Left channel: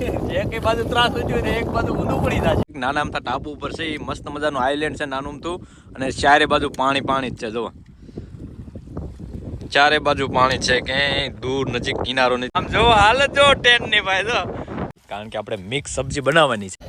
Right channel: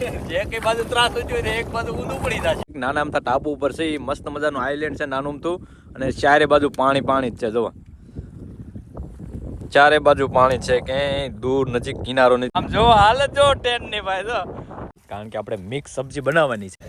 જે કઈ બાજુ ત્રાસ હોય ને એક બાજુ ઊંધું પડી જાય. નાના અમથા ટાપુ ઉપર છે, મસ્ત મજાનું આઈલેન્ડ છે નાનું અમથું, અને ચારે બાજુ પાણી પાણી જ છે. જો ચારે બાજુ પાણી છે, ક્યાંય દૂર નજીક કિનારો નથી. આમ જો હાલત જો ટેન ની ભાઈ જો, કારણ કે આપણે મિક્સ સબ્જી બનાવવાની છે.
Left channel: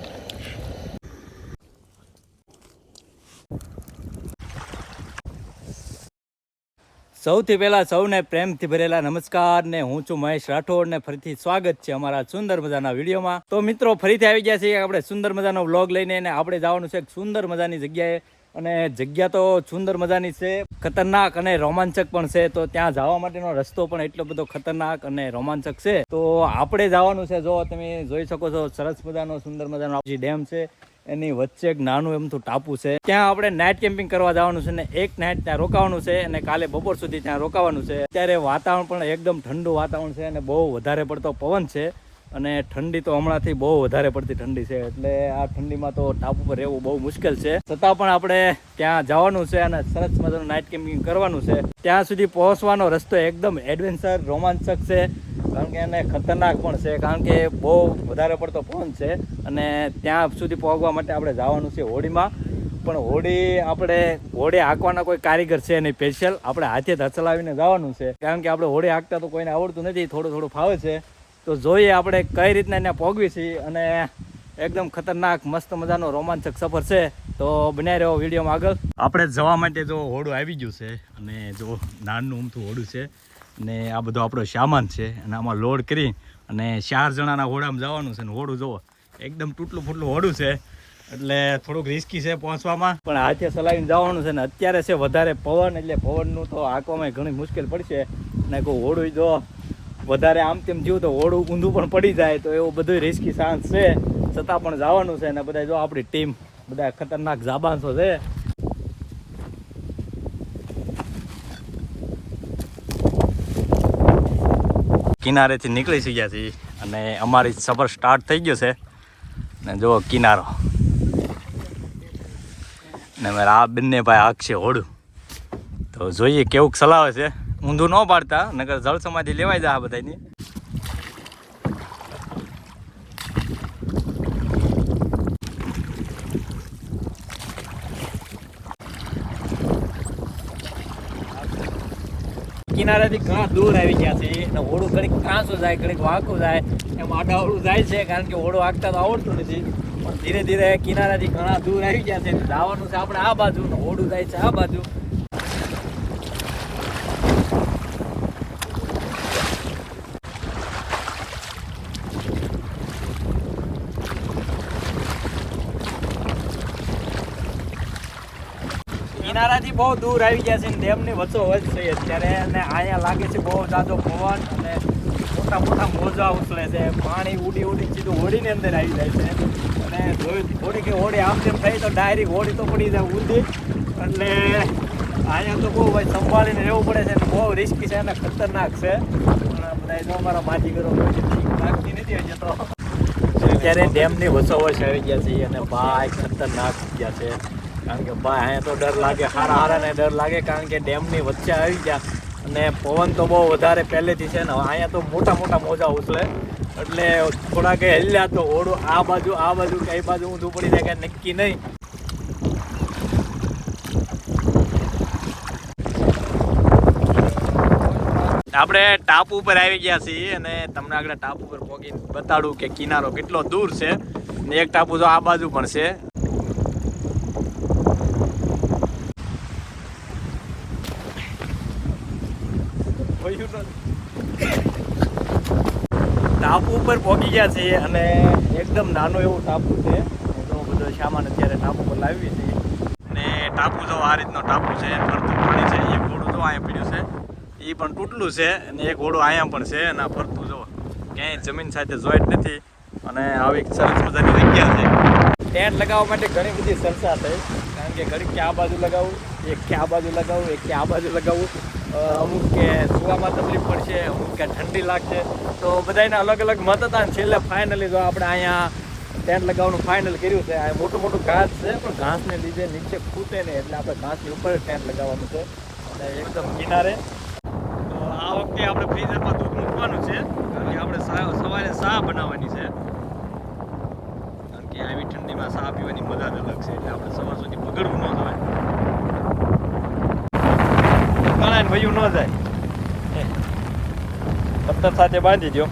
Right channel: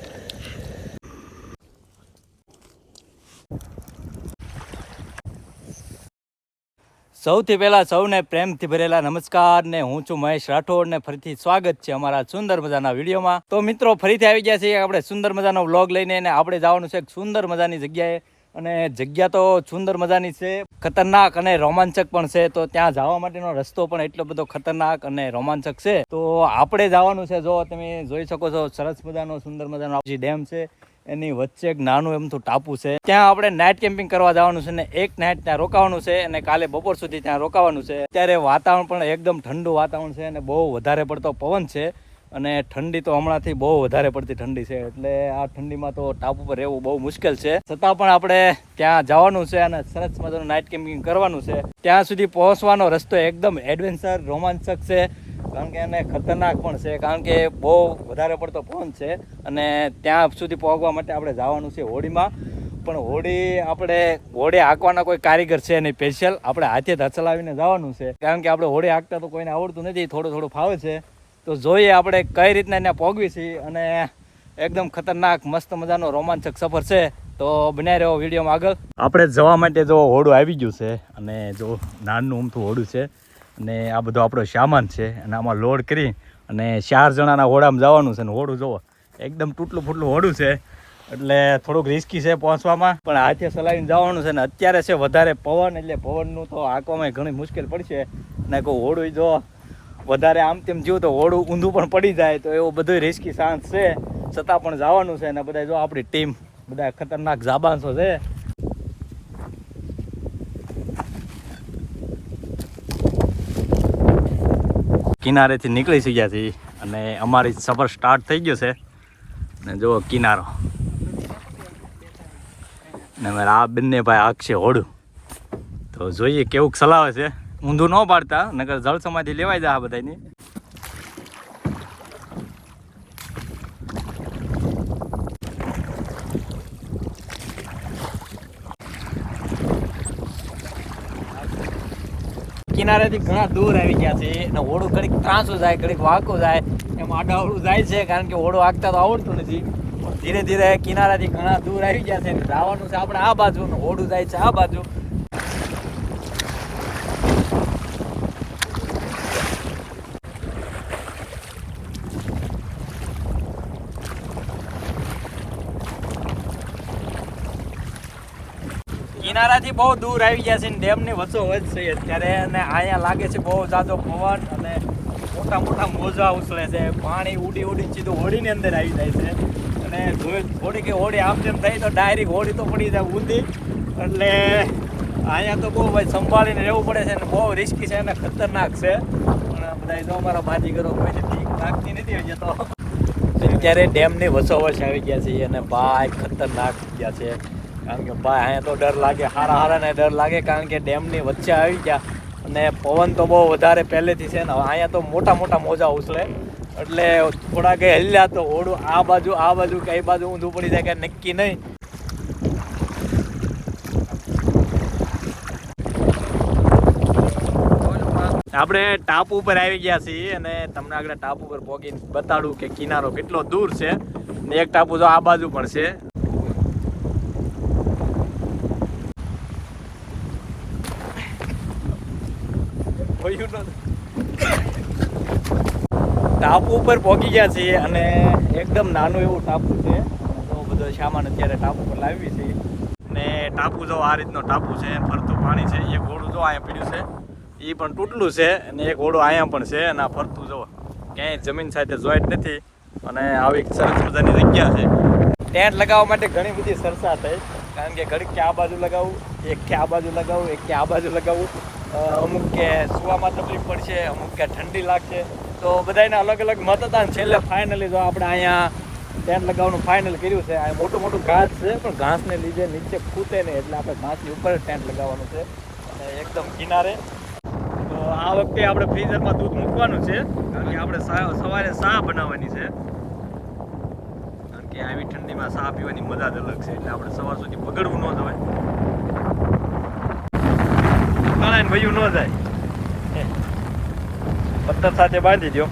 સૌથી પહેલા સૌને પ્રેમથી ભરેલા નમસ્કાર ને હું છું મહેશ રાઠોડ ને ફરીથી સ્વાગત છે અમારા સુંદર મજાના વિડીયોમાં. તો મિત્રો ફરીથી આવી ગયા છીએ આપણે સુંદર મજાનો વ્લોગ લઈને, અને આપણે જવાનું છે સુંદર મજાની જગ્યાએ. અને જગ્યા તો સુંદર મજાની છે, ખતરનાક અને રોમાંચક પણ છે. તો ત્યાં જવા માટેનો રસ્તો પણ એટલો બધો ખતરનાક અને રોમાંચક છે. તો આપણે જવાનું છે, જો તમે જોઈ શકો છો સરસ મજાનો સુંદર મજાનો ડેમ છે, એની વચ્ચે એક નાનું એમથું ટાપુ છે. ત્યાં આપણે નાઇટ કેમ્પિંગ કરવા જવાનું છે ને એક નાઇટ ત્યાં રોકાવાનું છે, અને કાલે બપોર સુધી ત્યાં રોકાવાનું છે. અત્યારે વાતાવરણ પણ એકદમ ઠંડુ વાતાવરણ છે, અને બહુ વધારે પડતો પવન છે, અને ઠંડી તો હમણાંથી બહુ વધારે પડતી ઠંડી છે. એટલે આ ઠંડીમાં તો ટાપુ પર રહેવું બહુ મુશ્કેલ છે. છતાં પણ આપણે ત્યાં જવાનું છે અને સરસ મજાનું નાઇટ કેમ્પિંગ કરવાનું છે. ત્યાં સુધી પહોંચવાનો રસ્તો એકદમ એડવેન્ચર રોમાંચક છે, કારણ કે એને ખતરનાક પણ છે, કારણ કે બહુ વધારે પડતો પવન છે. અને ત્યાં સુધી પહોંચવા માટે આપણે જવાનું છે હોડીમાં. પણ હોડી હાંકવાના કોઈ કારીગર છે નહીં, સ્પેશિયલ આપણે હાથે ચલાવીને જવાનું છે, કારણ કે આપણે હોડી હાંકતા તો કોઈને આવડતું નથી, થોડું થોડું ફાવે છે. તો જોઈએ આપણે કઈ રીતના ત્યાં પહોંચવી છીએ, અને એકદમ ખતરનાક મસ્ત મજાનો રોમાંચક સફર છે. તો બનાવી રહ્યો વિડીયોમાં આગળ. આપણે જવા માટે જો હોડું આવી ગયું છે, અને જો નાનું ઊમથું હોડું છે, અને આ બધો આપણો સામાન છે, અને આમાં લોડ કરી અને 4 જણાના હોડામાં જવાનું છે. ને હોડું જોવો એકદમ તૂટલું ફૂટલું હોડું છે, એટલે થોડુંક રિસ્કી છે પહોંચવામાં, પણ હાથે ચલાવીને જવાનું છે. ને અત્યારે છે વધારે પવન, એટલે પવનનું તો હાંકવામાં ઘણી મુશ્કેલ પડશે. અને કોઈ હોડું જો વધારે આમ તેમ જીવ તો હોડું ઊંધું પણ પડી જાય, તો એવું બધું રિસ્કી ચાન્સ છે. છતાં પણ જવાનું છે. અને બધા જો આપણી ટીમ બધા ખતરનાક જાબાંસો છે. કિનારેથી નીકળી ગયા છીએ, અને અમારી સફર સ્ટાર્ટ થઈ ગયો છે. ને જો કિનારો, ને મારે આ બંને ભાઈ હાંકશે હોડું. તો જોઈએ કેવું ચલાવે છે. ઊંધું ન પાડતા, નકર જળ સમાધિ લેવાઈ જાય બધાની. કિનારેથી ઘણા દૂર આવી ગયા છે, અને હોડું ઘડીક ત્રાંસું જાય, ઘડીક વાંકું જાય, એમ આડાવડું જાય છે, કારણ કે હોડું હાંકતા તો આવડતું નથી. પણ ધીરે ધીરે કિનારાથી ઘણા દૂર આવી ગયા છે, જવાનું છે આપણે આ બાજુ, ને હોડું જાય છે આ બાજુ. કિનારાથી બહુ દૂર આવી ગયા છે, ને ડેમની વચ્ચોવચ છે અત્યારે. અને અહીંયા લાગે છે બહુ જાજો પવન, અને મોટા મોટા મોજા ઉછળે છે. પાણી ઉડી ઉડીને સીધું હોડીની અંદર આવી જાય છે. અને હોડી આમ તેમ થઈ તો ડાયરેક્ટ હોડી તો પડી જાય ઊંધી. એટલે અહીંયા તો બહુ ભાઈ સંભાળીને રહેવું પડે છે, અને બહુ રિસ્કી છે અને ખતરનાક છે. પણ બધા જો અમારા માજીગરો કોઈ બીક લાગતી નથી હજી તો. અત્યારે ડેમની વચ્ચોવચ આવી ગયા છે, અને ભાઈ ખતરનાક ગયા છે. કારણ કે ભાઈ અહીંયા તો ડર લાગે, હારાને ડર લાગે, કારણ કે ડેમની વચ્ચે આવી ગયા, અને પવન તો બહુ વધારે પહેલેથી છે ને. અહીંયા તો મોટા મોટા મોજા ઉછળે, એટલે થોડા કંઈ હલ્યા તો હોડું આ બાજુ કઈ બાજુ ઊંધું પડી જાય કાંઈ નક્કી નહીં. આપણે ટાપુ ઉપર આવી ગયા છીએ, અને તમને આગળ ટાપુ ઉપર પહોંચીને બતાડું કે કિનારો કેટલો દૂર છે. ને એક ટાપુ તો આ બાજુ પણ છે. ટાપુ ઉપર પહોંચી ગયા છીએ, અને એકદમ નાનું એવું ટાપુ છે. જો બધો સામાન અત્યારે ટાપુ પર લાવી છે. ને ટાપુ જો આ રીતનો ટાપુ છે, ફરતું પાણી છે. એક ઘોડું જો અહીંયા પીડ્યું છે, એ પણ તૂટલું છે, અને એક ઘોડું અહીંયા પણ છે. અને આ ફરતું જો ક્યાંય જમીન સાથે જોઈન્ટ નથી, અને આવી સરસ મજાની જગ્યા છે. ટેન્ટ લગાવવા માટે ઘણી બધી ચર્ચા થઈ, કારણ કે ઘડીક કે આ બાજુ લગાવું, એક કે આ બાજુ લગાવું, એક કે આ બાજુ લગાવું. અમુક કે સુવામાં તકલીફ પડશે, અમુક કે ઠંડી લાગશે, તો બધાને અલગ અલગ મત હતા. અને છેલ્લે ફાઇનલી જો આપણે અહીંયા ટેન્ટ લગાવવાનું ફાઇનલ કર્યું છે. આ મોટું ઘાસ છે, પણ ઘાસને લીધે નીચે ખૂટે નહીં, એટલે આપણે ઘાસની ઉપર ટેન્ટ લગાવવાનું છે, અને એકદમ કિનારે. તો આ વખતે આપણે ફ્રીઝરમાં દૂધ મૂકવાનું છે, કારણ કે આપણે સવારે ચા બનાવવાની છે, કારણ કે આવી ઠંડીમાં ચા પીવાની મજા જ અલગ છે. એટલે આપણે સવાર સુધી બગડવું ન જોઈએ, ગળાને ભયું ન જાય. પત્તર સાથે બાંધી દો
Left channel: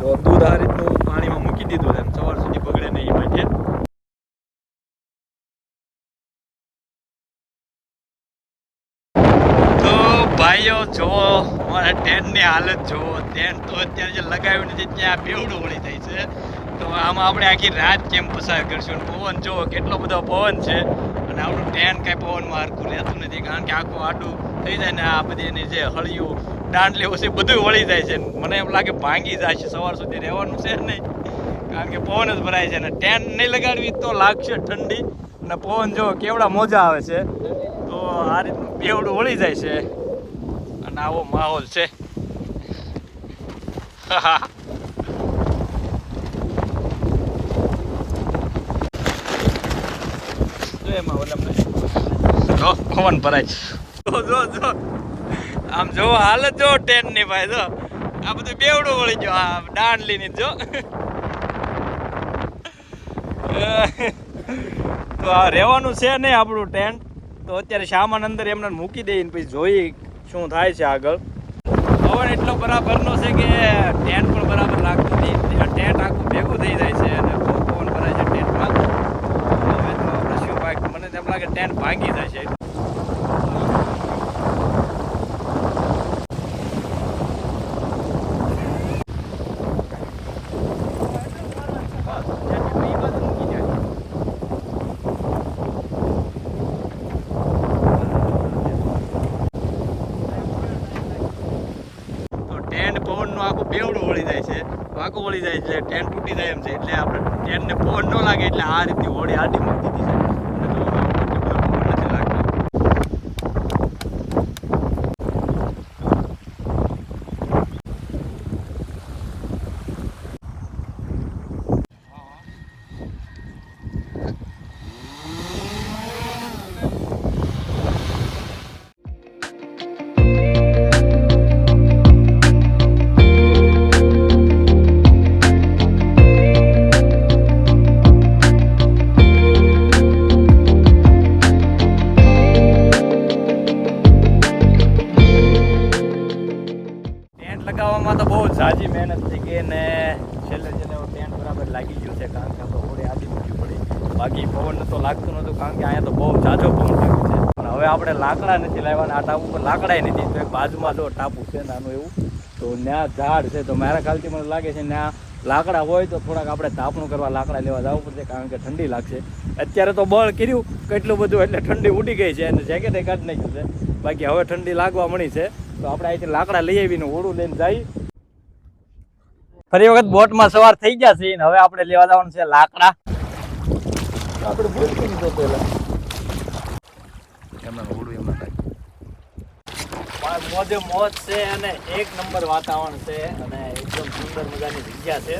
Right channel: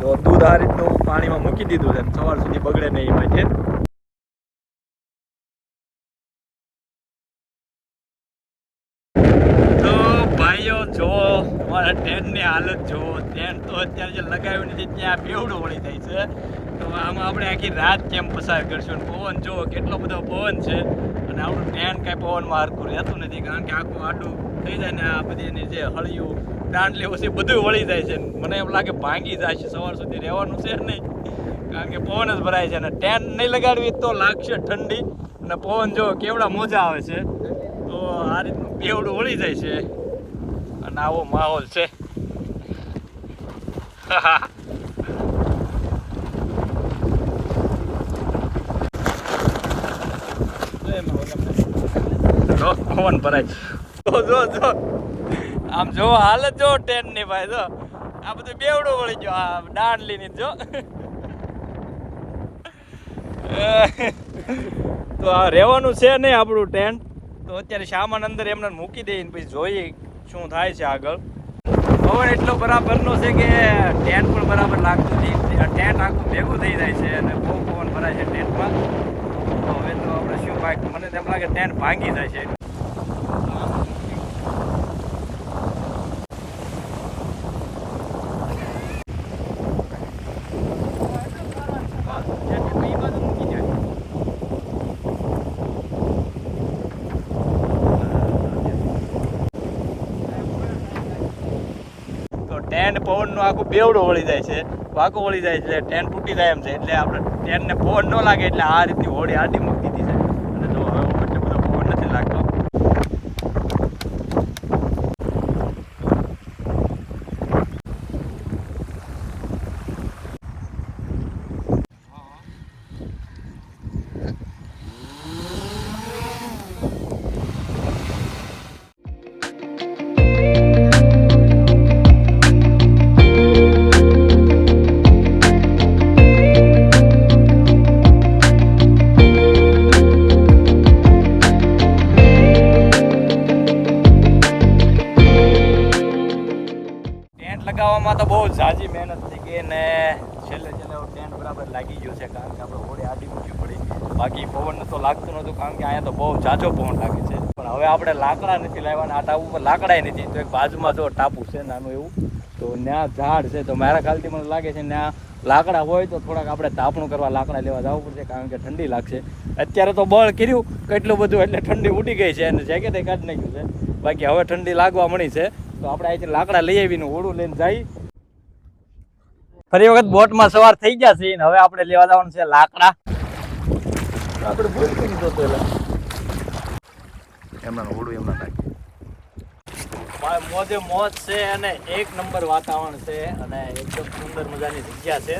તો દૂધ આ રીતનું પાણીમાં મૂકી દીધું છે, સવાર સુધી બગડે નહીં માટે. તો ભાઈઓ જો અમારા ટેન્ટની હાલત જુઓ. ટેન્ટ તો અત્યારે જે લગાવ્યું નથી ત્યાં બેવડું વળી જાય છે. તો આમાં આપણે આખી રાત કેમ પસાર કરશું? પવન જુઓ, કેટલો બધો પવન છે, અને આપણું ટેન્ટ કાંઈ પવનમાં હરખું રહેતું નથી, કારણ કે આખું આડું થઈ જાય ને આ બધી એની જે હળિયું દાંડલી છે બધું વળી જાય છે. મને એમ લાગે ભાંગી જાય છે, સવાર સુધી રહેવાનું છે નહીં, કારણ કે પવન જ ભરાય છે. અને ટેન્ટ નહીં લગાડવી તો લાગશે ઠંડી, અને પવન જો કેવડા મોજા આવે છે. તો આ રીતનું બેવડું વળી જાય છે, અને આવો માહોલ છે. પવન ભરાય જો આમ જો હાલત જો ટેન્ટ ની ભાઈ જો આ બધું બેવડું વળી ગયો આ દાંડલી ની જો. તો આ રહેવાનું છે નહીં આપણું ટેન્ટ. તો અત્યારે સામાન અંદર એમને મૂકી દઈને પછી જોઈએ શું થાય છે આગળ. પવન એટલો બરાબરનો છે કે ટેન્ટ પણ બરાબર લાગતું નહીં. ટેન્ટ આખું ભેગું થઈ જાય છે અને બહુ પવન ભરાય છે ટેન્ટમાં. હવે તો આપણે શું ભાઈ, મને તેમ લાગે ટેન્ટ ભાંગી જાય છે. ટેન્ટ પવનનું આખું બેવડું વળી જાય છે, વાંકું વળી જાય છે, ટેન્ટ તૂટી જાય એમ છે. એટલે આપણે ટેન્ટને પવન ન લાગે એટલે આ રીતની હોડી આડી મૂકી દીધી છે. અને જો એટલો બધો પવન નથી લાગતો. લગાવવામાં તો બહુ ઝાઝી મહેનત થઈ ગઈ ને છેલ્લે ટેન્ટ બરાબર લાગી ગયું છે, કારણ કે આપણે હોડે આડી મૂકવી પડી. બાકી પવન તો લાગતું નહોતું, કારણ કે અહીંયા તો બહુ ઝાઝો પવન લાગે છે. પણ હવે આપણે લાકડા નથી લાવવાના, આ ટાપુ પર લાકડાય નથી. તો એક બાજુમાં જો ટાપુ છે નાનું એવું, તો ત્યાં ઝાડ છે. તો મારા ખ્યાલથી મને લાગે છે ત્યાં લાકડા હોય તો થોડાક આપણે તાપણું કરવા લાકડા લેવા જવું પડશે, કારણ કે ઠંડી લાગશે. અત્યારે તો બળ કર્યું કેટલું બધું એટલે ઠંડી ઉડી ગઈ છે અને જેકેટ કાઢી નાખ્યું છે. બાકી હવે ઠંડી લાગવા મળી છે. તો આપણે અહીંથી લાકડા લઈ આવીને ઓળું લઈને જઈ. ફરી વખત બોટમાં સવાર થઈ ગયા છે ને હવે આપણે લેવા જવાનું છે લાકડા. આપણે ભૂલથી નહીં જોતો એટલે એમના ઓળું એમના થાય મોજે મોજ છે અને એક નંબર વાતાવરણ છે અને એકદમ સુંદર મજાની જગ્યા છે.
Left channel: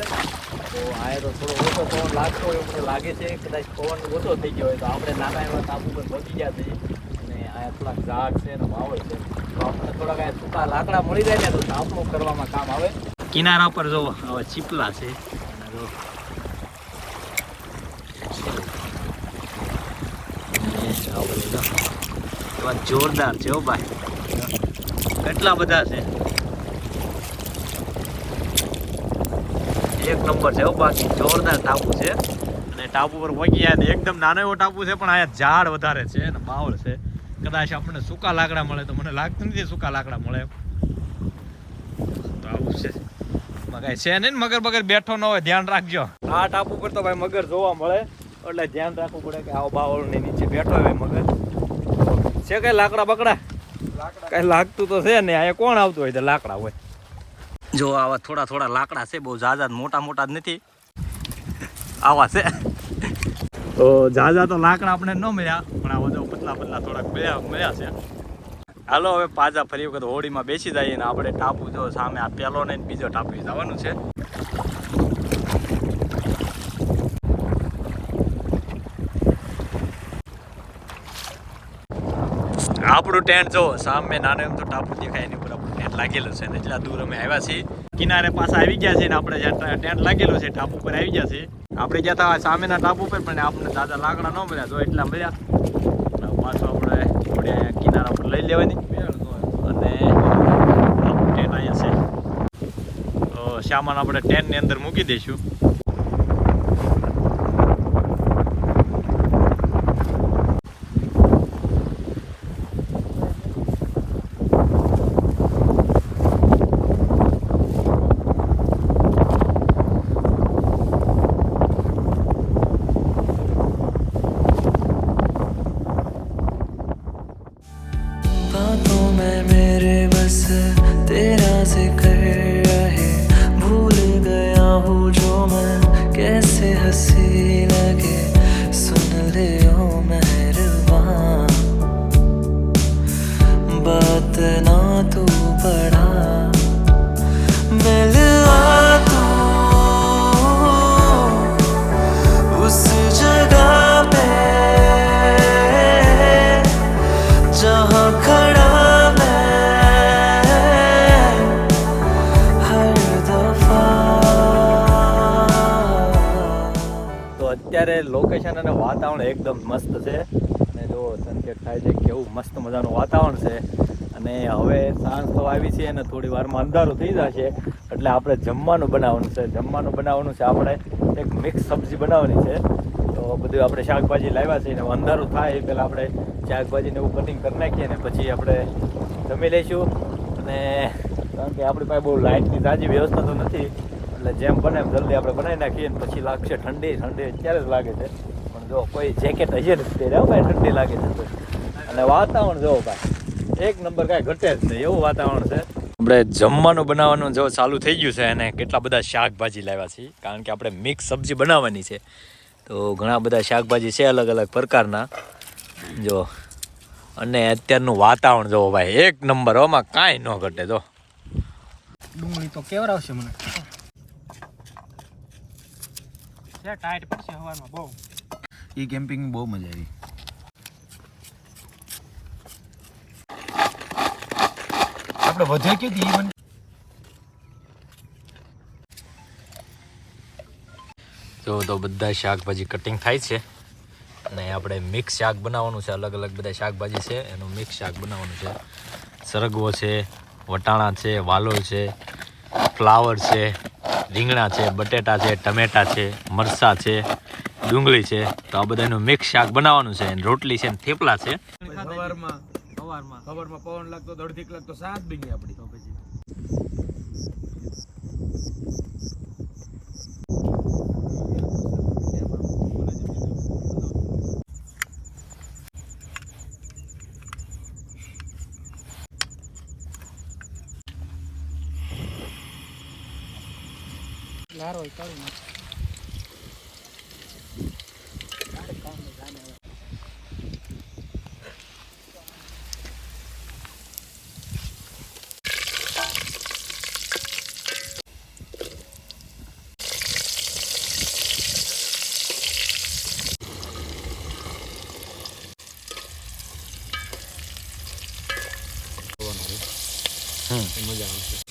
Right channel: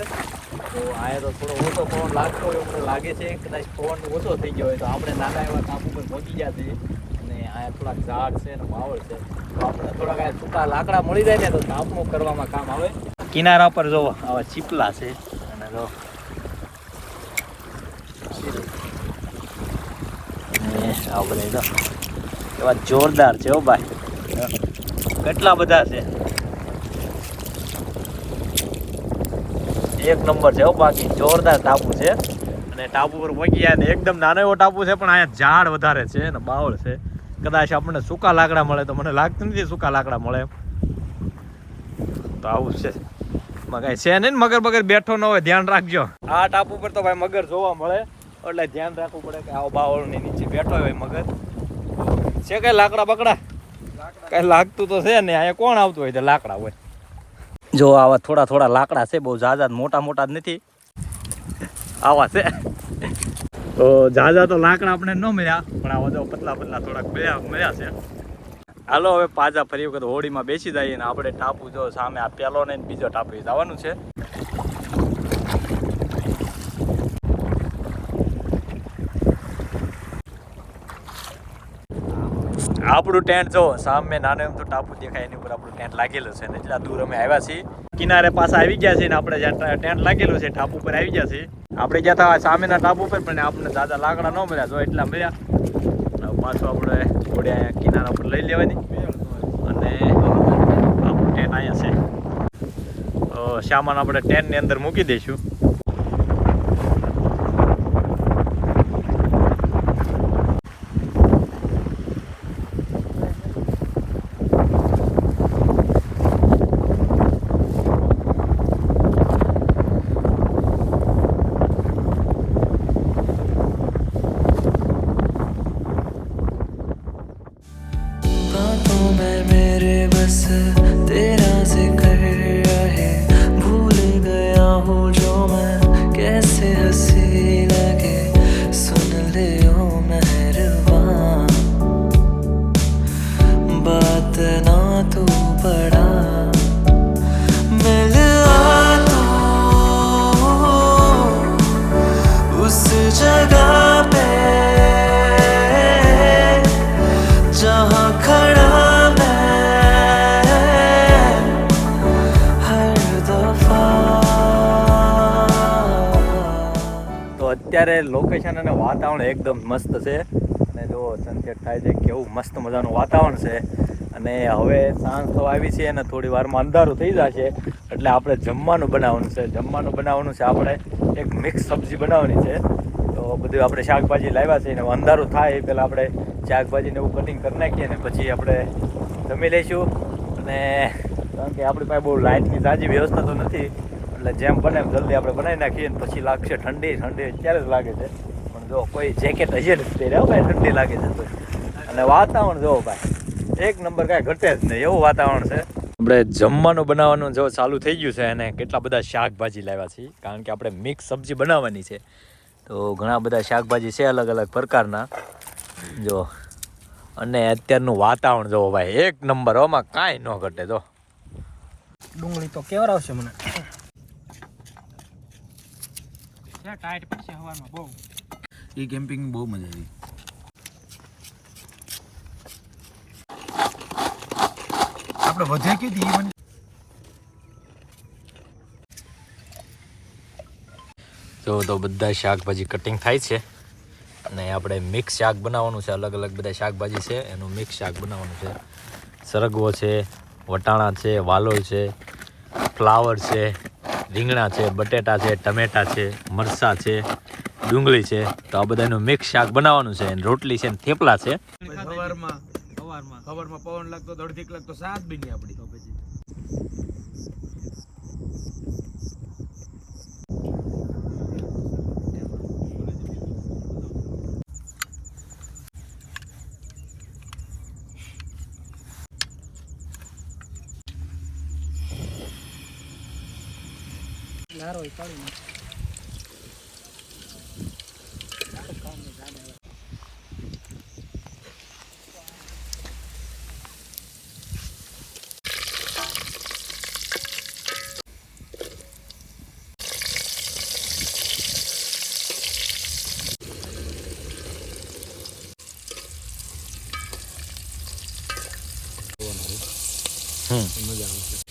તો અહીંયા તો થોડો ઓછો પવન લાગતો હોય એવું મને લાગે છે. કદાચ પવન ઓછો થઈ ગયો હોય તો આપણે નાના એવા ટાપુ પર પહોંચી ગયા છીએ અને અહીંયા થોડાક ઝાડ છે અને માહોલ છે. તો આપણે થોડાક અહીંયા સૂકા લાકડા મળી જાય ને તો તાપણું કરવામાં કામ આવે. કિનારા પર જો આવા ચીપલા છે અને જો એવા જોરદાર છે હો ભાઈ, કેટલા બધા છે, એક નંબર છે હો. બાકી જોરદાર ટાપુ છે અને ટાપુ પર પહોંચી ગયા ને એકદમ નાનો એવો ટાપુ છે પણ અહીંયા ઝાડ વધારે છે અને બાવળ છે. કદાચ આપણને સૂકા લાકડા મળે તો મને લાગતું નથી સૂકા લાકડા મળે એમ. તો આવું છે, કઈ છે નહીં મગર બગર બેઠો ન હોય ધ્યાન રાખજો. આ ટાપુ પર તો ભાઈ મગર જોવા મળે એટલે ધ્યાન રાખવું પડે કે આવો બાવળ ની નીચે બેઠો હોય મગર. છે કઈ લાકડા બકડા કઈ લાગતું તો છે ને, અહીંયા કોણ આવતું હોય તો લાકડા હોય. જો આવા થોડા થોડા લાકડા છે, બહુ ઝાઝા મોટા મોટા જ નથી, આવા છે. તો ઝાઝા તો લાકડા આપણે ન મળ્યા પણ આવા જો પતલા પતલા થોડાક મળ્યા છે. હાલો હવે પાછા ફરી વખત હોડીમાં બેસી જઈએ ને આપણે ટાપુ જો સામે આ પેલો ને બીજો ટાપુ જવાનું છે. આપણું ટેન્ટ જો સામે નાનો એમ તો ટાપુ દેખાય એની ઉપર આપણું ટેન્ટ લાગેલું છે ને એટલા દૂર અમે આવ્યા છીએ કિનારે પાછા આવી ગયા છીએ ને આપણે જ્યાં ટેન્ટ લાગેલું છે ટાપુ ઉપર આવી ગયા છીએ આપણે ગયા હતા સામેના ટાપુ ઉપર પણ આપણને દાદા લાકડા ન મળ્યા જો એટલા મળ્યા પાછું આપણે થોડી અહીંયા કિનારા ઉપર લઈ લેવાની અને આપણું ટેન્ટ અહીંયા છે તો સામાન આપણે ટેન્ટની અંદર મૂકી દઈશું बातों में मेरे बस तेरा जिक्र रहे भूल गया हूँ जो मैं कैसे हंसी लगे सुन ले ओ मेहरबान बात ना तू बड़ा मिल आ तू उस जगह पे जहाँ खड़ा मैं हर दफा તો અત્યારે લોકેશન અને વાતાવરણ એકદમ મસ્ત છે અને જો સનસેટ થાય છે કેવું મસ્ત મજાનું વાતાવરણ છે અને હવે સાંજ તો આવી છે અને થોડી વારમાં અંધારું થઈ જશે એટલે આપણે જમવાનું બનાવવાનું છે આપણે એક મિક્સ સબ્જી બનાવવાની છે તો બધું આપણે શાકભાજી લાવ્યા છે અને અંધારું થાય એ પહેલાં આપણે શાકભાજીને એવું કટિંગ કરી નાખીએ ને પછી આપણે જમી લઈશું અને કારણ કે આપણી પાસે બહુ લાઇટની તાજી વ્યવસ્થા તો નથી એટલે જેમ બને એમ જલ્દી આપણે બનાવી નાખીએ ને પછી લાગશે ઠંડી અત્યારે જ લાગે છે પણ જો કોઈ જેકેટ હશે ને તે રહ્યો ભાઈ ઠંડી લાગે છે તો અને વાતાવરણ જો ભાઈ એક નંબર કાંઈ ઘટે જ નહીં એવું વાતાવરણ છે આપણે જમવાનું બનાવવાનું જો ચાલુ થઈ ગયું છે અને કેટલા બધા શાકભાજી લાવ્યા છીએ કારણ કે આપણે મિક્સ સબ્જી બનાવવાની છે તો ઘણા બધા શાકભાજી છે અલગ અલગ પ્રકારના જો અને અત્યારનું વાતાવરણ જોવો ભાઈ એક નંબર આમાં કાંઈ ન ઘટે જો ડુંગળી તો કેવર આવશે મને ટાઈટ પડશે હવામાં બહુ એ કેમ્પિંગ બહુ મજા આવી આપણે વધે કીધી ઈ જો તો બધા શાકભાજી કટિંગ થાય છે અને આપણે મિક્સ શાક બનાવવાનું છે અલગ અલગ બધા શાકભાજી છે એનું મિક્સ શાક બનાવવાનું છે સરગવો છે વટાણા છે વાલોળ છે ફ્લાવર છે રીંગણા છે બટેટા છે ટમેટા છે મરચાં છે ડુંગળી છે તો આ બધાનું મિક્સ શાક બનાવવાનું છે અને રોટલી છે ને થેપલા છે સવારમાં પવન લાગતો તો અડધી કલાક તો સાત બની આપણી તો પછી લારો કાઢી નાખ મજા આવશે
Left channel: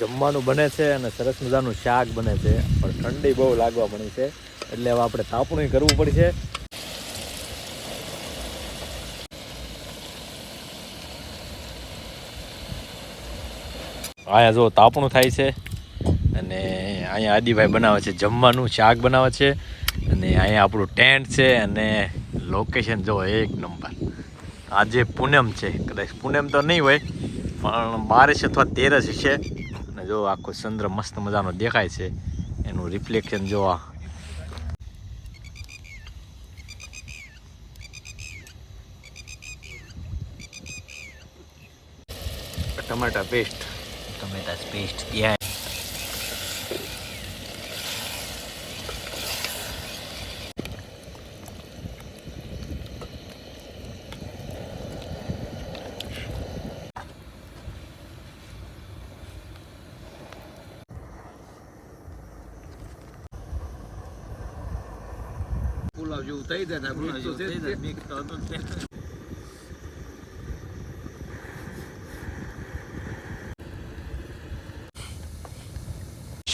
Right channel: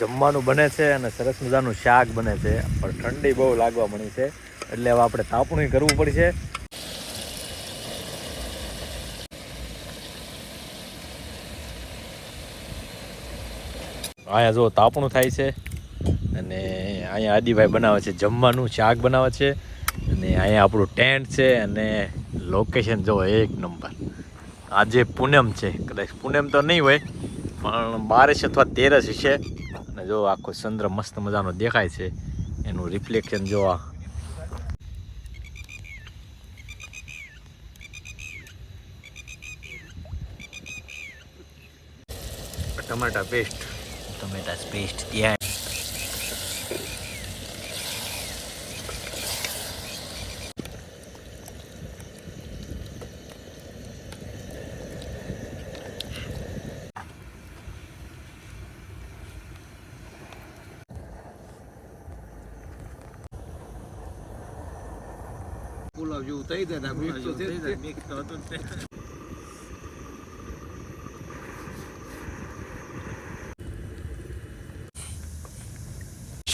જમવાનું બને છે અને સરસ મજાનું શાક બને છે પણ ઠંડી બહુ લાગવા મળી છે એટલે હવે આપણે તાપણું કરવું પડશે અહીંયા જો તાપણું થાય છે અને અહીંયા આદિભાઈ બનાવે છે જમવાનું શાક બનાવે છે અને અહીંયા આપણું ટેન્ટ છે અને લોકેશન જો એક નંબર આજે પૂનમ છે કદાચ પૂનમ તો નહીં હોય પણ 12 અથવા 13 છે અને જો આખો ચંદ્ર મસ્ત મજાનો દેખાય છે એનું રિફ્લેક્શન જોવા ટમાટા પેસ્ટ ત્યાં પુલાવ જેવું થઈ જાય મિક્સ તો થઈ જાય.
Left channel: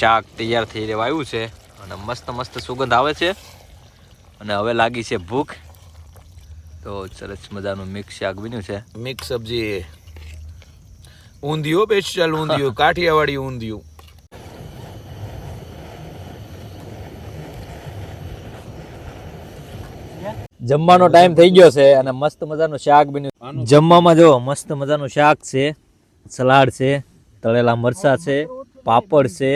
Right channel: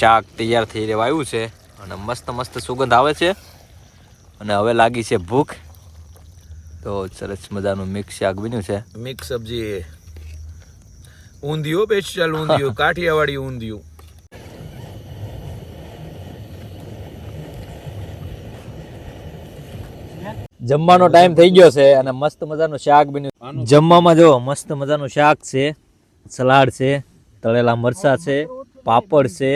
શાક તૈયાર થઈ રહેવા આવ્યું છે અને મસ્ત મસ્ત સુગંધ આવે છે અને હવે લાગી છે ભૂખ. તો સરસ મજાનું મિક્સ શાક બન્યું છે. મિક્સ સબ્જી ઊંધિયું સ્પેશિયલ ઊંધિયું કાઠિયાવાડી ઊંધિયું. જમવાનો ટાઈમ થઈ ગયો છે અને મસ્ત મજાનું શાક બન્યું. જમવામાં જો મસ્ત મજાનું શાક છે, સલાડ છે, તળેલા મરચાં છે, પાપડ છે,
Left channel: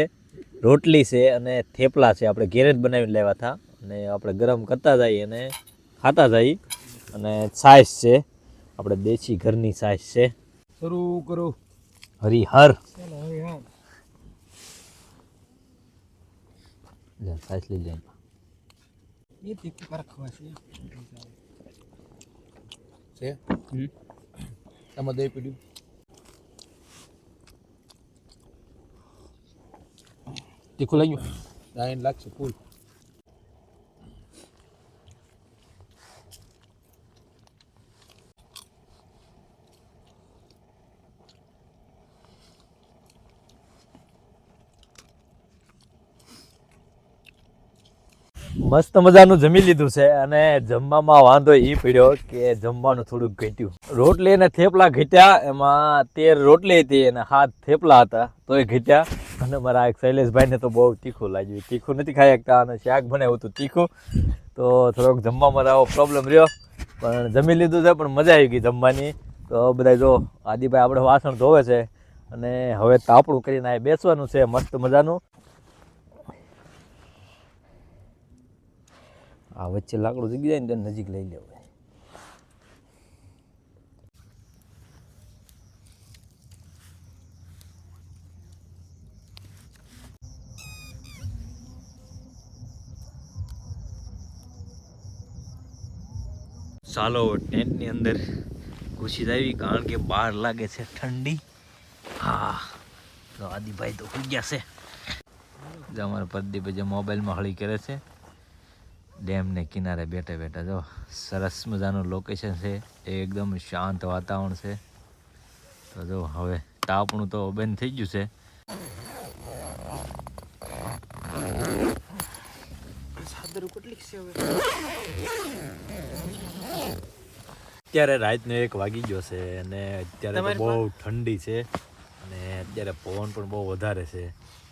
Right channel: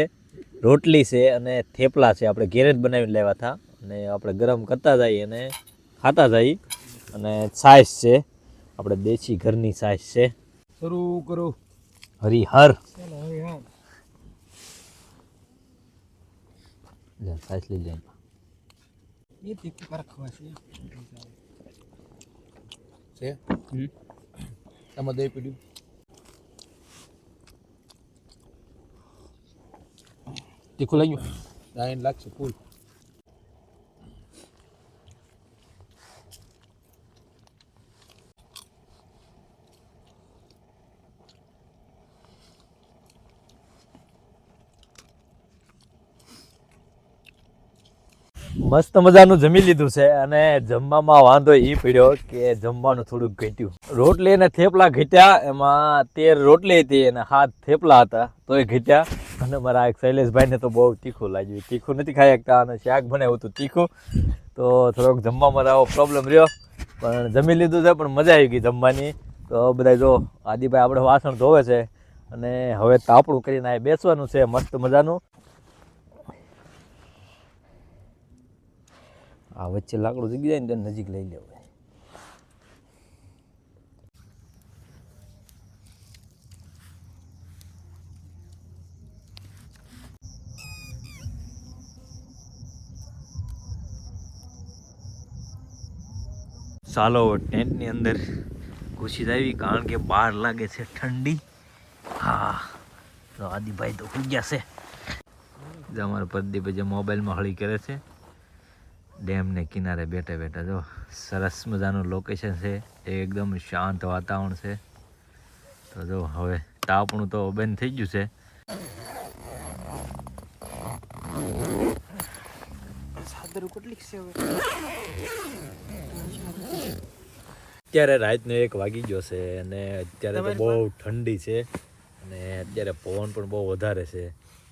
રોટલી છે અને થેપલા છે. આપણે ઘેરે જ બનાવીને લાવ્યા હતા અને આપણે ગરમ કરતા જઈએ અને ખાતા જઈએ. અને છાશ છે, આપણે દેશી ઘરની છાશ છે. શરૂ કરો. હરિહર ચાલો હવે હા છાશ લઈ જાય. એ તીખું કારક ખવાશે છે આમાં દહીં પીડ્યું. તીખું લઈ ગયું. દાઈન લાગશે ફૂલ. મસ્ત મજાનું જમી લીધું છે અને જમવામાં વાંધો એ પડ્યો કે જમવાનું થોડુંક ઘટ્યું. રોટલી અને થેપલા ઘટ્યા. એમાં 13 રોટલી હતી અને 7 થેપલા હતા તોય ઘટ્યા. અને મારા એક શૈલેષભાઈને તો બહુ તીખું લાગ્યું. તીખું નથી ખાઈ શકતા અને શાક બનાવ્યું હતું તીખું, તો થોડોક જમવામાં આવો પ્રોબ્લેમ રહ્યો. પણ જમી લીધું છે, પણ મજા આવી ગઈ જમવાની. તો બધા જો આદિભાઈ આપણે વાસણ ધોવે છે અને હવે તાપણું કરીને આ બેસવાનું છે મસ્ત મજાનું. આ વચ્ચે લાકડું જગી જાય ને તો નજીક લઈ લેવું. ચાલો ટેન્ટની અંદર ઘૂસી આવી કારણ કે બહાર લાગે છે ઠંડી. હા તો આદિભાઈ તો હોઈ ગયા છે. અમારા પ્રદીપ જે મોબાઈલમાં હળી કરે છે. ડેમને કિનારે બેઠા બેઠા જો સરસ મજાનું લોકેશન છે, એકદમ શાંત વાતાવરણ છે. તો જો હવે તાપણું તો બંધ થઈ ગયું છે. અત્યારે રાતનો 1 વાગી ગયો છે અને અત્યારે તો બહુ ઠંડી છે અને અત્યારે પવન પણ બહુ વધારે છે.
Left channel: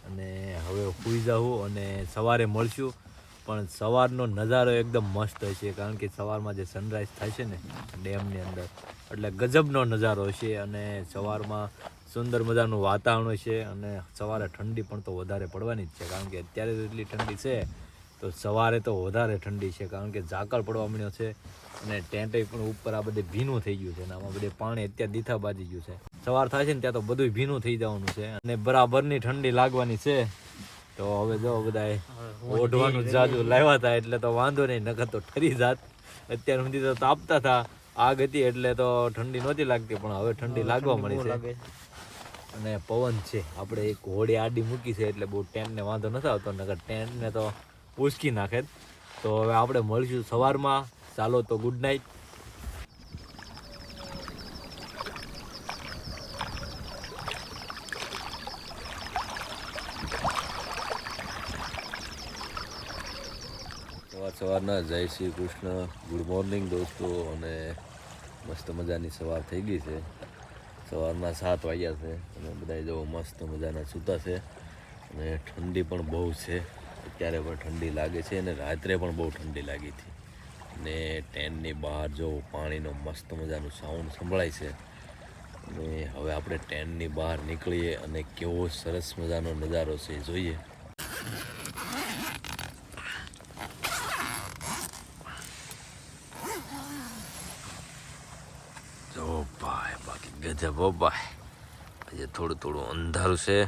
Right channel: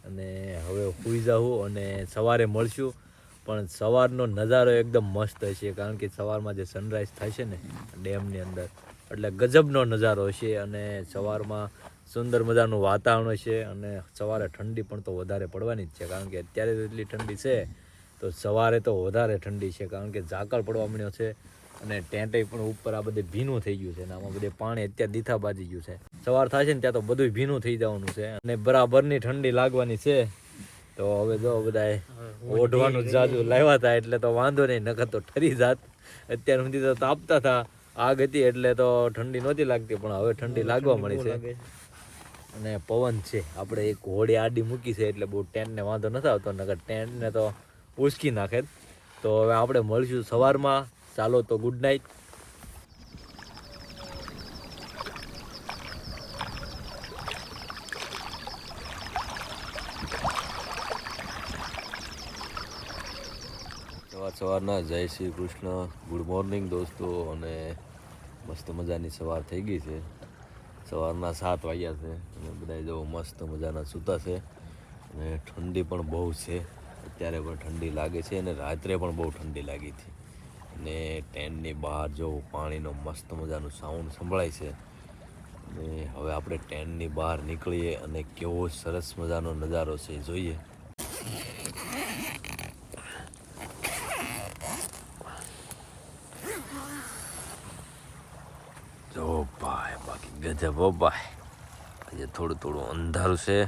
અને હવે સૂઈ જાઉં અને સવારે મળશું. પણ સવારનો નજારો એકદમ મસ્ત હશે કારણ કે સવારમાં જે સનરાઈઝ થાય છે ને ડેમની અંદર, એટલે ગજબનો નજારો હશે. અને સવારમાં સુંદર મજાનું વાતાવરણ હશે અને સવારે ઠંડી પણ તો વધારે પડવાની જ છે કારણ કે અત્યારે તો એટલી ઠંડી છે, તો સવારે તો વધારે ઠંડી છે કારણ કે ઝાકળ પડવા મળ્યો છે અને ટેન્ટે પણ ઉપર આ બધે ભીનું થઈ ગયું છે અને આમાં બધે પાણી અત્યારે દીથા બાજી ગયું છે. સવાર થાય છે ને ત્યાં તો બધું ભીનું થઈ જવાનું છે અને બરાબરની ઠંડી લાગવાની છે. તો હવે જો બધાએ ઓઢવાનું જાદુ લાવ્યા હતા એટલે તો વાંધો નહીં, નકર તો ઠરી જાત. અત્યાર સુધી તો તાપતા હતા, આગ હતી એટલે તો ઠંડી નહોતી લાગતી, પણ હવે ઠંડી લાગવા મળી છે. અને પવન છે, આપણે એક હોડી આડી મૂકી છે એટલે બહુ ટેન્ટને વાંધો નથી આવતો, નકર ટેન્ટને તો ઉસકી નાખે. તો હવે આપણે મળીશું સવારમાં. ચાલો તો ગુડ નાઇટ. સવારના જય શ્રી કૃષ્ણ, ગુડ મોર્નિંગ દોસ્તો. અને મસ્ત મજાની સવાર થઈ ગઈ છે. સવારના 7 વાગ્યા છે અને બધા જો મસ્ત મજાના સૂતા છે અને ઠંડી પણ બહુ છે. અત્યારે પણ ઠંડી લાગે છે અને રાત્રે પણ બહુ ઠંડી લાગી હતી. અને ટેન્ટની બહાર જો પાણીનો મસ્ત મજાનું સાઉન્ડ સંભળાય છે. અને હવે આપણે ટેન્ટની બહાર નીકળીએ અને કેવો સરસ મજાનો નજારો છે એ જોઈએ. જો ભાઈ બાકી ગજબ હો ભાઈ. આજે થોડું થોડું અંધારું છે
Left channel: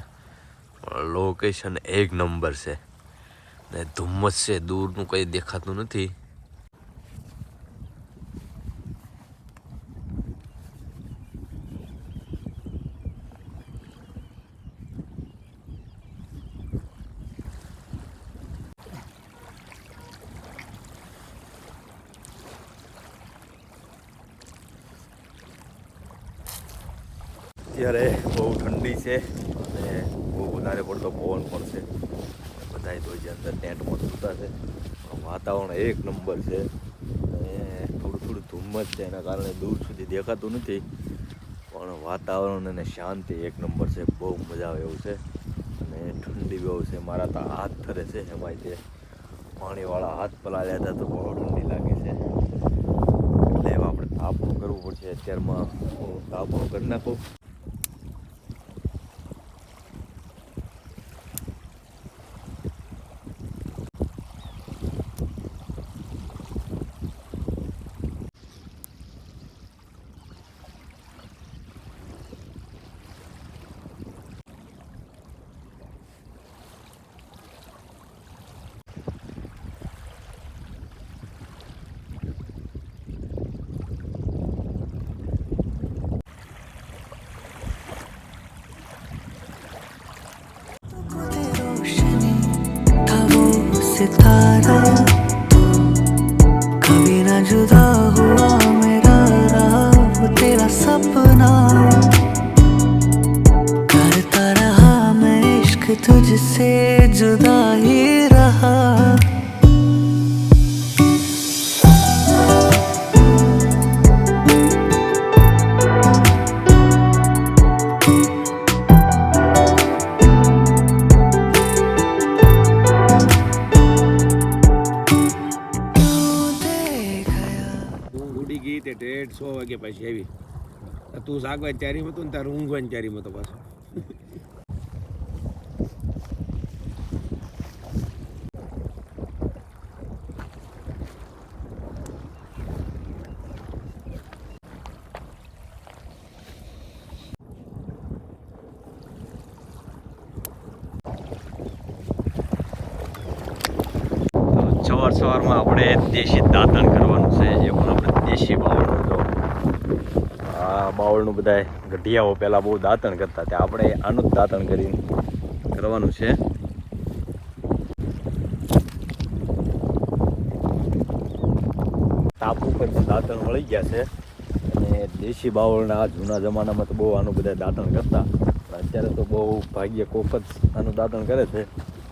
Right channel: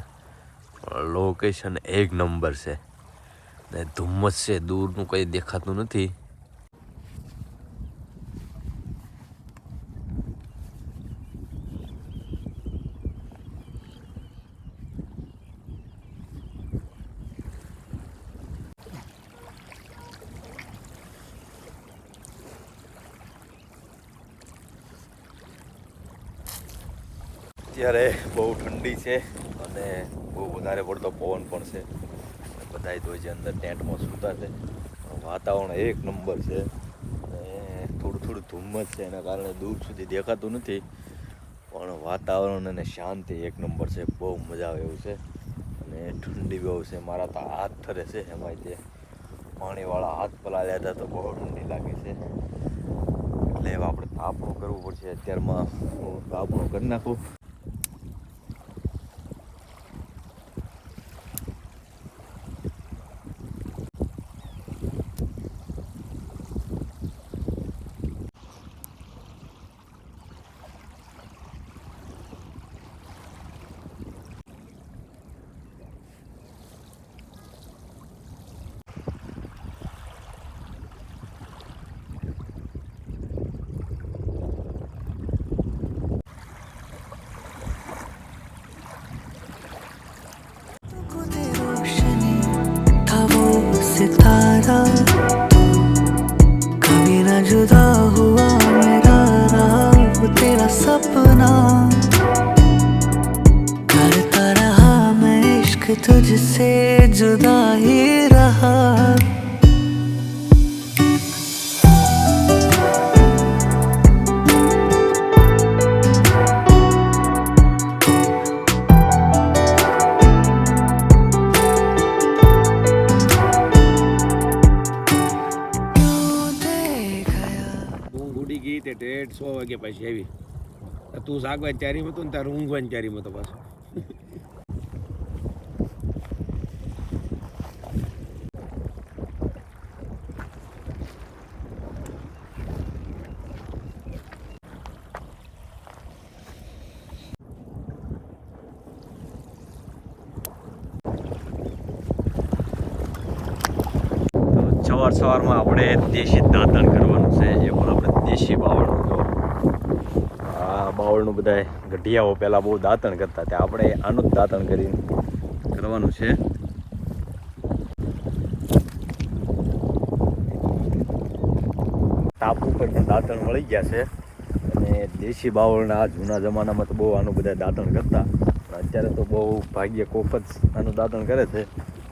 પણ લોકેશન 1 નંબર છે ને ધુમ્મસ છે, દૂરનું કંઈ દેખાતું નથી. અત્યારે બહુ ઠંડી છે અને બહુ વધારે પડતો પવન પણ છે. બધાય તો જે અંદર ટેન્ટમાં સૂતા છે. પણ વાતાવરણ એક નંબર છે અને થોડું થોડું ધુમ્મસ છે, એના કારણે દૂર સુધી દેખાતું નથી. પણ વાતાવરણ અને શાંતિ એક નંબર છે, બહુ મજા આવે એવું છે. અને ઠંડી બહુ છે, મારા તો હાથ ઠરે છે. એમાંય તે પાણીવાળા હાથ પલાળ્યા હતા તો બહુ ઠંડી લાગે છે. એટલે આપણે તાપણું કરવું પડશે. અત્યારમાં હું તાપણું કરી નાખું. रोशनी था वो सितारा, कभी न जुदा हुआ मेरा रहा वो तेरा सपना. करता रहा मैं इश्क तुझसे जुदा ही रहा. ઊંઘ ઉડી ગઈ તે ઠેઠ 100 વાગ્યા પછી આવી. તું જાગવાની તૈયારીમાં હતો ને તારું ઊંઘવાની તૈયારીમાં હતો પાછો. સવારમાં આપણે દેશી દાંતણ કરવાનું છે. એ પણ આપણે દેશી બાવળનું. જો આ બાવળનું બધાય ગઢિયાઓ પહેલાં બહુ દાંતણ કરતા, ત્યાં આપણે આનું જ દાંતણ કરીને કરવાનું છે. ટાપુ પર પણ દાંતણ મળી ગયા છે અને દેશી બાવળના જૂના જમાનામાં તો બહુ આનું બધા દાંતણ કરતા, પણ અત્યારે તો બહુ ભાગ્ય કોક જ આનું દાંતણ કરે છે.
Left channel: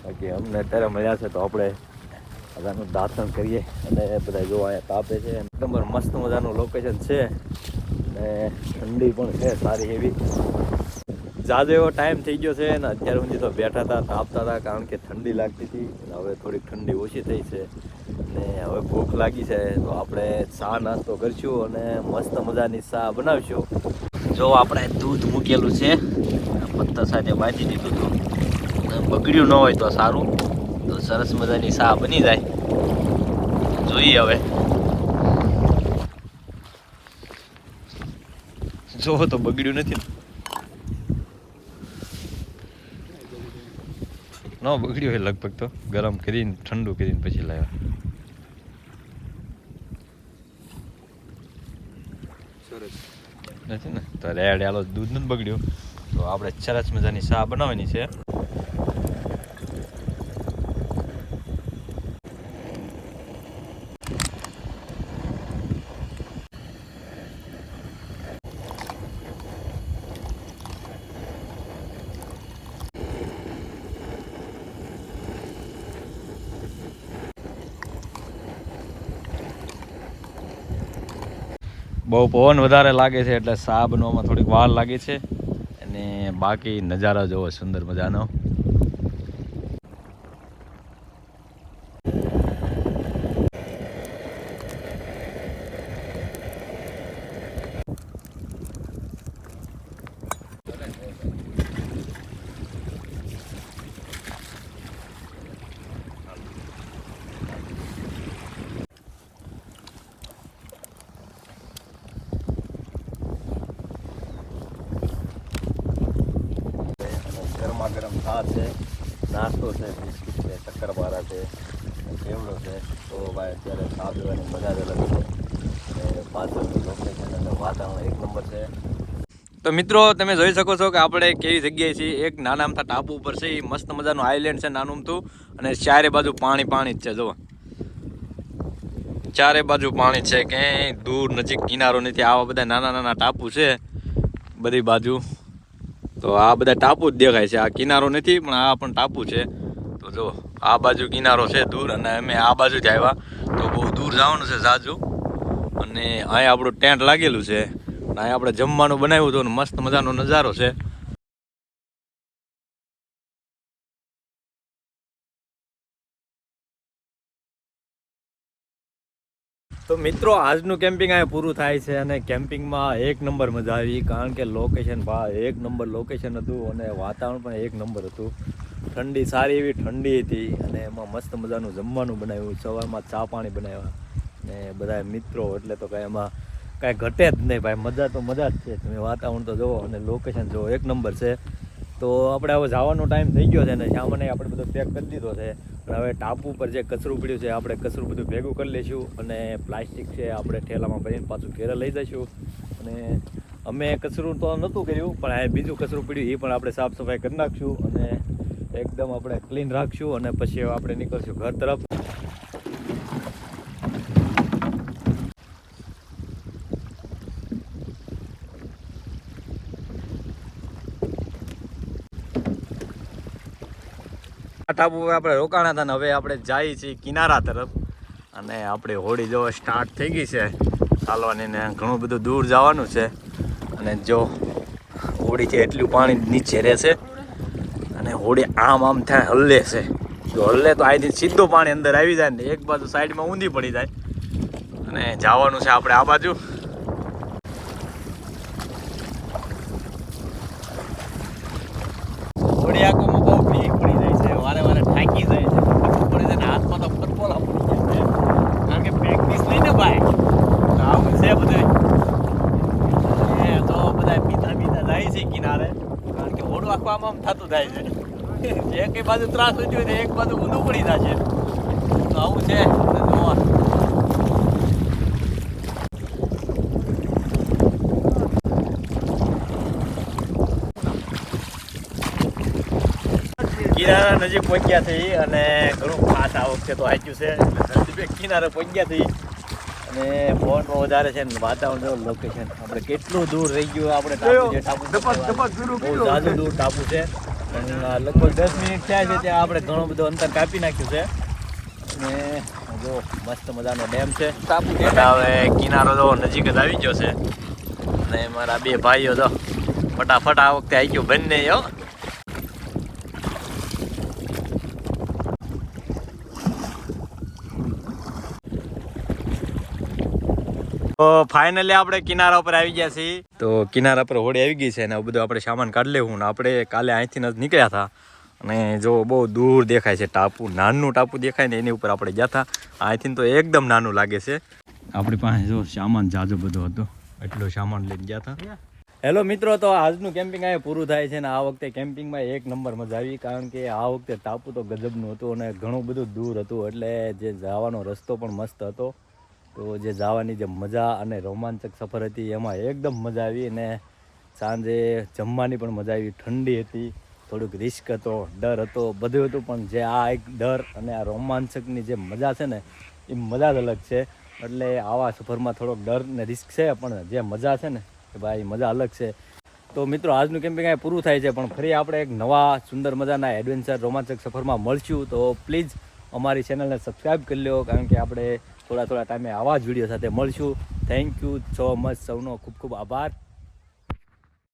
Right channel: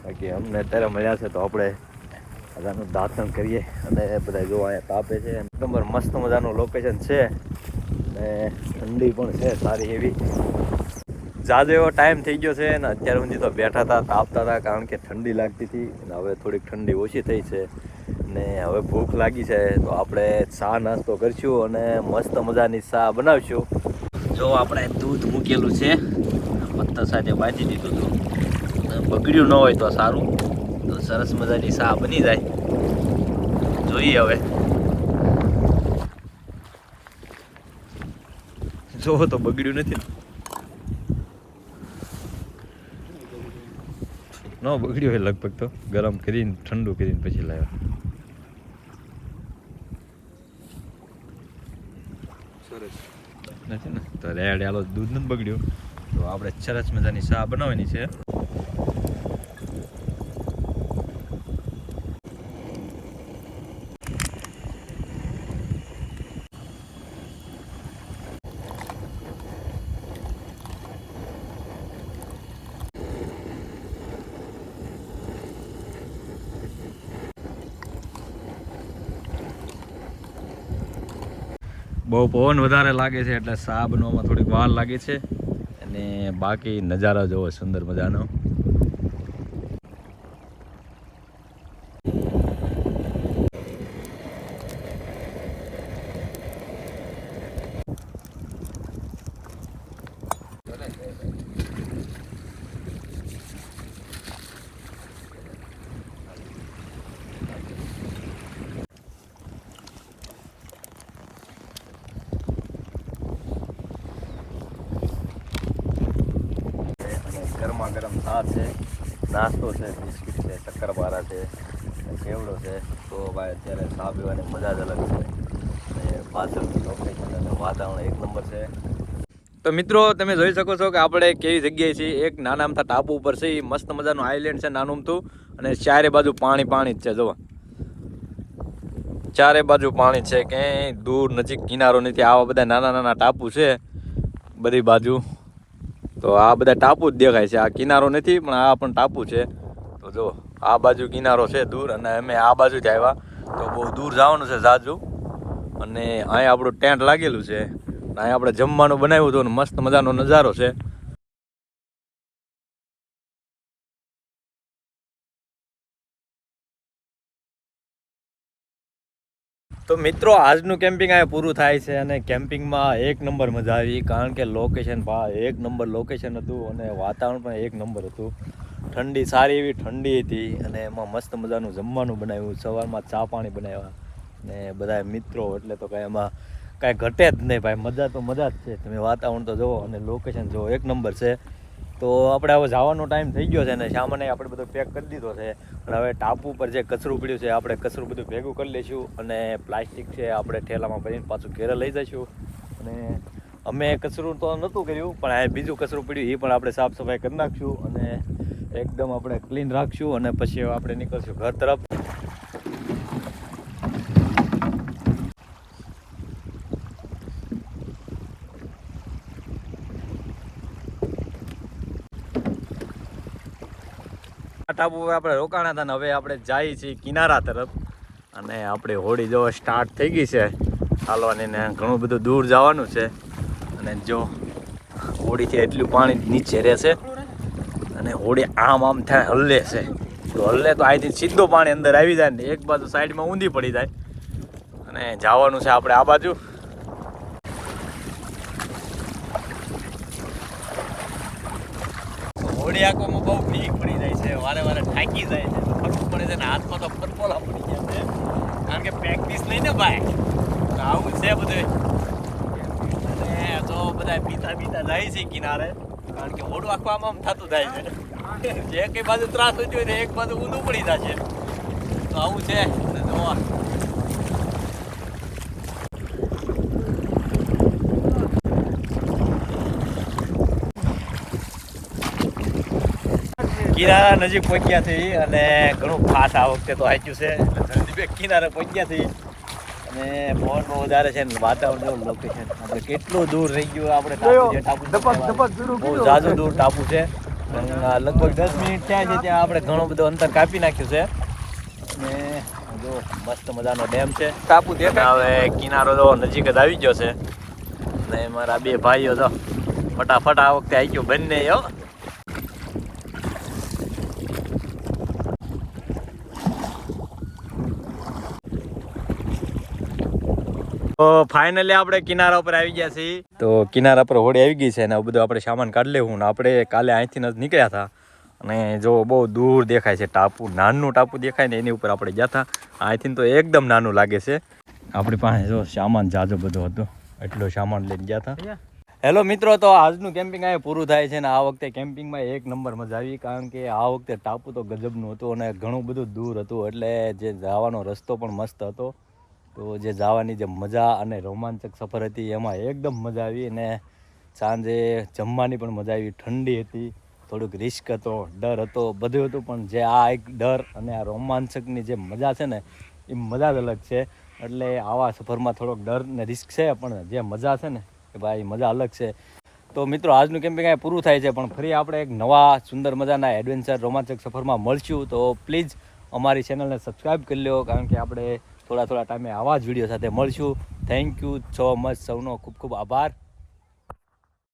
બાકી અમને અત્યારે મળ્યા છે તો આપણે આનું દાંતણ કરીએ. અને બધા જો અહીંયા તાપે છે, એકદમ મસ્ત મજાનું લોકેશન છે અને ઠંડી પણ છે સારી એવી. જાજો એવો ટાઈમ થઈ ગયો છે ને અત્યાર સુધી તો બેઠા હતા, તાપતા હતા, કારણ કે ઠંડી લાગતી હતી. અને હવે થોડીક ઠંડી ઓછી થઈ છે ને હવે ભૂખ લાગી છે તો આપણે ચા નાસ્તો કરીશું અને મસ્ત મજાની ચા બનાવીશું. જો આપણે દૂધ મૂકેલું છે, પત્તા સાથે બાંધી દીધું હતું, બગડ્યું ન હોય તો સારું. તો સરસ મજાની ચા બની જાય. જોઈએ હવે. જો તો બગડ્યું નથી ન બગડ્યું હોય લગભગ. તો ગરમ કરીને ઠંડુ કરીને પછી લાવ્યા. સરસ નથી ને તો રેડ આલો દૂધ નથી બગડ્યું. તો આપણે સરસ મજાની ચા બનાવવાની છે. બહુ પવન વધારે લાગે છે એટલે ચા બનવામાં થોડીક વાર લાગે છે. અને બાકી નજારા જોવો સુંદર મજાનો. ગરમા ગરમ ચા છે, નાસ્તો છે, બિસ્કિટ છે, શક્કરપારા છે, કેવડો છે. તો ભાઈ અત્યારે ચા પીવાની મજા જ અલગ છે. અને પાછળથી લોકેશન અને વાતાવરણ એક નંબર છે. તો મિત્રો તમે જોઈ શકો છો કે આપણે કેવી જગ્યાએ છીએ. એક નાના અમથા ટાપુ ઉપર છે. એ મસ્ત મજાનું આઈલેન્ડ છે નાનું અમથું, અને ચારે બાજુ પાણી પાણી જ છે. જુઓ ચારે બાજુ પાણી છે, ક્યાંય દૂર નજીક કિનારો નથી. આવા બધા નાના નાના ટાપુ છે બધી બાજુ. તો આ બધા ટાપુ જ દેખાય છે, આ કિનારો નથી પણ આ પણ ટાપુ છે. તો જો આ બાજુ કિનારો છે દૂર, અને અમે આ બાજુથી આવ્યા તો બહુ દૂર જવાનું છે જાજુ. અને અહીંયા આપણું ટેન્ટ લાગેલું છે, અને અહીંયા આપણે જમવાનું બનાવ્યું હતું, મસ્ત મજાનો નજારો છે. તો મિત્રો આજનું કેમ્પિંગ અહીંયા પૂરું થાય છે, અને કેમ્પિંગમાં એક નંબર મજા આવી, કારણ કે લોકેશન એક નંબર લોકેશન હતું, અને વાતાવરણ પણ એક નંબર હતું. ઠંડી સારી એવી ઠંડી હતી, અને એમાં મસ્ત મજાનું જમવાનું બનાવ્યું, સવારમાં ચા પાણી બનાવ્યા, ને બધા મિત્રો એટલે તો કાંઈ એમાં કાંઈ ઘટે જ નહીં ભાઈ, મજા તો મજા જ છે. તમે વાતાવરણ તો જુઓ અને લોકેશન જુઓ, એક નંબર છે. તો આપણે હવે જવાનો ટાઈમ થઈ ગયો છે, ને સામાન્ય આપણે બધો પેક કરી દીધો છે. અને હવે ટાપુ પર જે કચરું પડ્યું છે આપણે કચરું બધું ભેગું કરી લઈશું, અને પ્લાસ્ટિક છે આપણે ઠેલામાં ભરીને પાછું ઘેરે લઈ જઈશું. અને અમે કચરું તો નહોતું કર્યું, પણ આ બીજું કચરું પડ્યું એ પણ આપણે સાફ સફાઈ કરી નાખશું, અને એકદમ આપણે ક્લીન રાખશું, અને પછી આપણે નીકળશું ઘર તરફ. ટાપુ પર આપણે રોકાણા હતા, ને હવે આપણે જઈએ છીએ કિનારા તરફ. અને આપણી હોડી જો સ્ટાર્ટ થઈ ગઈ છે ચાલવાની, ને ઘણું બધું દૂર જવાનું છે. અને જો હોડી છે એટલું પાણી નીચે રહેશે, અને હોડી આમ થાય હલ્લે છે. જો હલ્લે તો અહીંથી સીધું પાણી અંદર આવી જાય, ને એક બાજુ સાઈડમાં ઊંધી પડી જાય. અને જવાનું છે આપણે આ બાજુ. હોડી આંખોમાં બહુ બીક પડી જાય છે, વારે વારે થાકી જાય છે, થકવું પડે છે, ને હાથમાં તો પરપોલા પડી ગયા છે, કારણ કે પ્રેક્ટિસ નહીં ને ભાઈ. તો આવું છે બધું. અને જો બધા પીતા જાય છે કિનારે, કારણ કે હોડું આખું આમ થતું જાય છે. જે કઈ બાજુ ત્રાસ હોય ને એક બાજુ ઊંધું પડી જાય છે. તો આવું છે. જોવા કિનારા નજીક પહોંચ્યા થઈ, અને ઘણું ખાસ આ વખતે તો આચ્યું છે, એટલે જલ્દી કિનારે પહોંચ્યા થઈ. અને પવન બહુ વધારે છે, ને વાતાવરણ જો લોકેશન આપણે કેટલું દૂર રહી ગયું. આપણે ટાપુ છે, ટાપુ બહુ ઝાઝું દૂર ટાપુ છે, પણ લગભગ 10 મિનિટ થયા છે ત્યાં આપણે ઘણું બધું અંતર કાપી નાખ્યું છે. અને જો મસ્ત મજાનો ડેમ છે ટાપુ. હવે કિનારો જો નજીક જ આવી ગયો છે, અને મારા બે ભાઈઓ જો ફટાફટ આ વખતે આવી ગયો બંને. તો ફાઇનલી આપણે કિનારા ઉપર આવી ગયા છીએ. તો કિનારા પર હોડી આવી ગઈ છે, અને બધું આપણે સામાન કાઢી લેવું. ને આપણે કાલે અહીંથી જ નીકળ્યા હતા, અને જો બહુ દૂર દેખાય છે ટાપુ, નાનું ટાપુ દેખાય ને એની ઉપર આપણે ગયા હતા. અહીંથી તો એકદમ નાનું લાગે છે. આપણી પાસે જો સામાન જાજો બધો હતો, એટલો સામાન લઈને ગયા હતા. હેલો મિત્રો, તો આજનું કેમ્પિંગ અહીંયા પૂરું થાય છે, ને આ વખતે કેમ્પિંગમાં એક નંબર મજા આવી, કારણ કે આ વખતે ટાપુ તો ગજબનું હતું, અને ઘણું બધું દૂર હતું, એટલે જે જવાનો રસ્તો પણ મસ્ત હતો. તો જે જવાની જે મજા અને રોમાંચક સફર હતી એમાં એકદમ મજા આવી. અને સાંજે જમવાની પણ મજા આવી. ઠંડી હતી, થોડુંક રિસ્ક હતો, ડર હતો, બધું હતું, પણ જે આ એક ડર અને આ રોમાંચકની જે મજા છે ને એ મજા જ અલગ છે. એટલે આવા સફરમાં થોડોક ડર ને રિસ્ક છે, પણ જે મજા છે ને એ ભાઈ મજા અલગ છે. તો મિત્રો આજનું કેમ્પિંગ અહીંયા પૂરું થાય છે, પણ ફરી આપણે એક નવા સુંદર મજાના એડવેન્ચર રોમાંચક સફરમાં મળશું. તો પ્લીઝ અમારી ચેનલને સબસ્ક્રાઈબ કરી લો, કારણ કે આપણે થોડા ટાઈમે આવા જ વિડીયો સાથે મળશું. થેન્ક યુ સો મચ, સૌનો ખૂબ ખૂબ આભાર.